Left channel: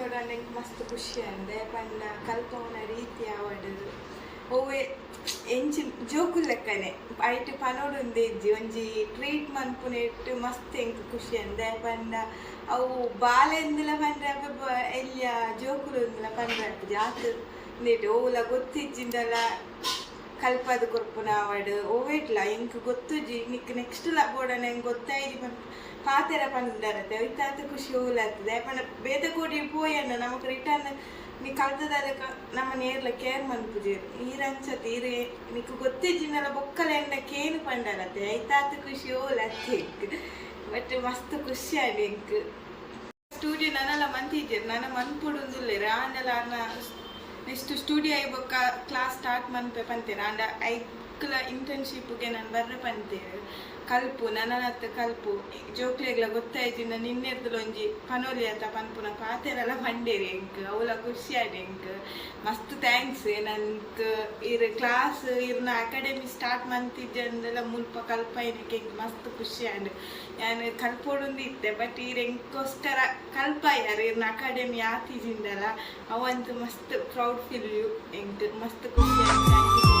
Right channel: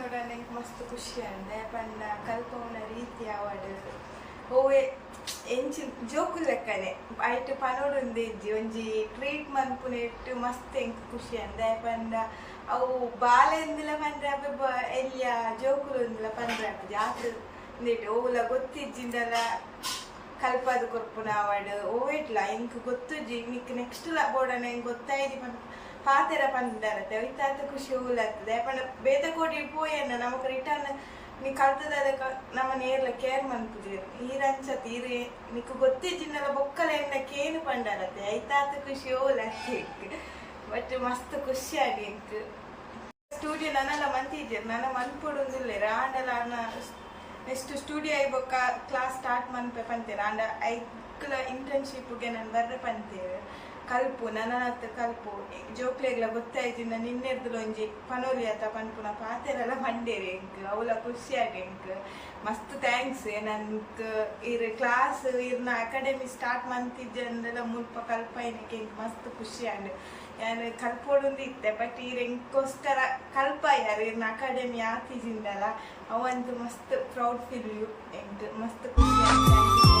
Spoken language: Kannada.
ಪನ್ನೋಡಂಡ ಎಂಕ್ ಮಸ್ತ್ ಖುಷಿ ಅಂದೆ ಪಂಡ ಕಲ್ಪವನ ರೀತಿ ಅವಡು ಓವೆ ಎಂಚಿ ಜೋಕು ಲೆಕ್ಕನೆ ಐಟ್ ಪನೋಡೊಂದು ಇಜ್ಜಿ ಒಂಜಿ ಟ್ರೀಟ್ ಮನ್ಪುನೆಟ್ ಮಸ್ತ್ ಎಂಕ್ ಖುಷಿ ಅಂದೆ ಪಂಡ ಅವು ಬಾಲೆಂದಿಲ ಪಂಡ್ರೆ ಎಲ್ಲಿಯ ಜೋಕುಲೊಂದಿಲ ಪಂಡ್ರೆ ಜಾತ್ ನೀಟು ಓವುಲ ಗೊತ್ತಿಜ್ಜಿಂದಲ ಕಲ್ಪದು ಕೊರ್ಪುನ ಅವಡು ಓವೇಟ್ಲ ಎಂಕ್ ಗೊತ್ತುಜಿ ನಿಕ್ ನೆಕ್ಸ್ಟ್ ಬೋರ್ಡನ ಎಂಕ್ ಗೊತ್ತಾಯ್ಜಿ ಪಾತೆರ ಪಂಡರತ್ತೆ ಐತಾತ ಖುಷಿ ಹೋಗ್ಲಾಗ್ತದೆ ಪಂಡ ಬೇತ ಕೋಟಿ ಪೋಯನ್ನ ನಮಕ್ ರಿಟರ್ನ್ ನೀ ಕಲ್ತದಾರೆ ನಮ್ಮ ನೇರ್ಲ ಕೇರ್ ಮನ್ಪುಜೇರು ಈರಂಚತಿ ಈರೆ ನಿಕ್ ಗೊತ್ತಿಜ್ಜಿನಲ್ಲ ಬೊಕ್ಕಲ ಎಂಡ ಕೇನು ಪಂಡರತ್ತೆ ಐತಾತ ಖುಷಿ ಹೋಗ್ಲಾಗ್ತಿ ಬಟ್ ಮಸ್ತ್ ಖುಷಿ ಆಡಿ ಎಂಕ್ ಸ್ಟುಡಿಯೋ ನನ್ನಲ್ಲ ಮಂತಿಜ್ಜೇರು ನನ್ನ ಮನ್ಪುಡುಂದುಲ್ಲೇರು ಆಂಡಲ ಅನ್ನ ನೆಕ್ಸ್ಟ್ ಸ್ಟುಡಿಯೋ ಐಬೊಕ್ಕ ಕ್ಲಾಸ್ ಸ್ಟಾರ್ಟ್ ಮನ್ಪೆ ಪಂತೇರು ಆಂಡ ಐಕ್ಲ ಇಂಟರ್ನ್ಶಿಪ್ಗೆ ನಾನು ಬರ್ರೆ ಪಂತೇರು ಕಲ್ಪು ನನ್ನತ್ತ ಕಲ್ಪು ಜೋಕ್ಲೆಗ್ಲ ಗೊತ್ತಾಯ್ತಿಂದ ನಿನ್ನೆರ್ದುಲೊಂಜಿ ಪನೋಲಿ ಆತ ಪನ್ಪುನ ಪಾತೆರೆಲ್ಲ ಮಂಡೇರಿ ಎಂಕ್ ಅವಳ ಖುಷಿ ಆಡಿ ಎಂಕ್ ಮಸ್ತ್ ಥ್ಯಾಂಕ್ಸ್ ನನ್ಕ್ ಇರ್ ಕ್ಲಾಸ್ ಇರ್ನ ಅಕಾಡೆಮಿ ಸ್ಟಾರ್ಟ್ ಮಂತಿಜ್ಜಂದೆಲ್ಲ ಮುಲ್ಪ ಕಲ್ಪೈನಕ್ಕೆ ಎಂಕ್ ಮಸ್ತ್ ಖುಷಿ ಆಂಡ್ ನಾನು ಕಲ್ಪೋಡುಂದು ಇತ್ತೆ ಬಟ್ ಈರ್ ಎಂಕೋಸ್ಕರ ಕಲ್ಪಾಯಾರ ಇರ್ನ ಅಕಾಡೆಮಿ ಆತಿಜಿಂದಲ್ಲ ಅವಂತೂ ಮಸ್ತ್ ಪ್ರೌಡ್ ಫೀಲ್ ಯು ಎಂಕ್ ಮಸ್ತ್ ಖುಷಿ ಆಯ್ತು.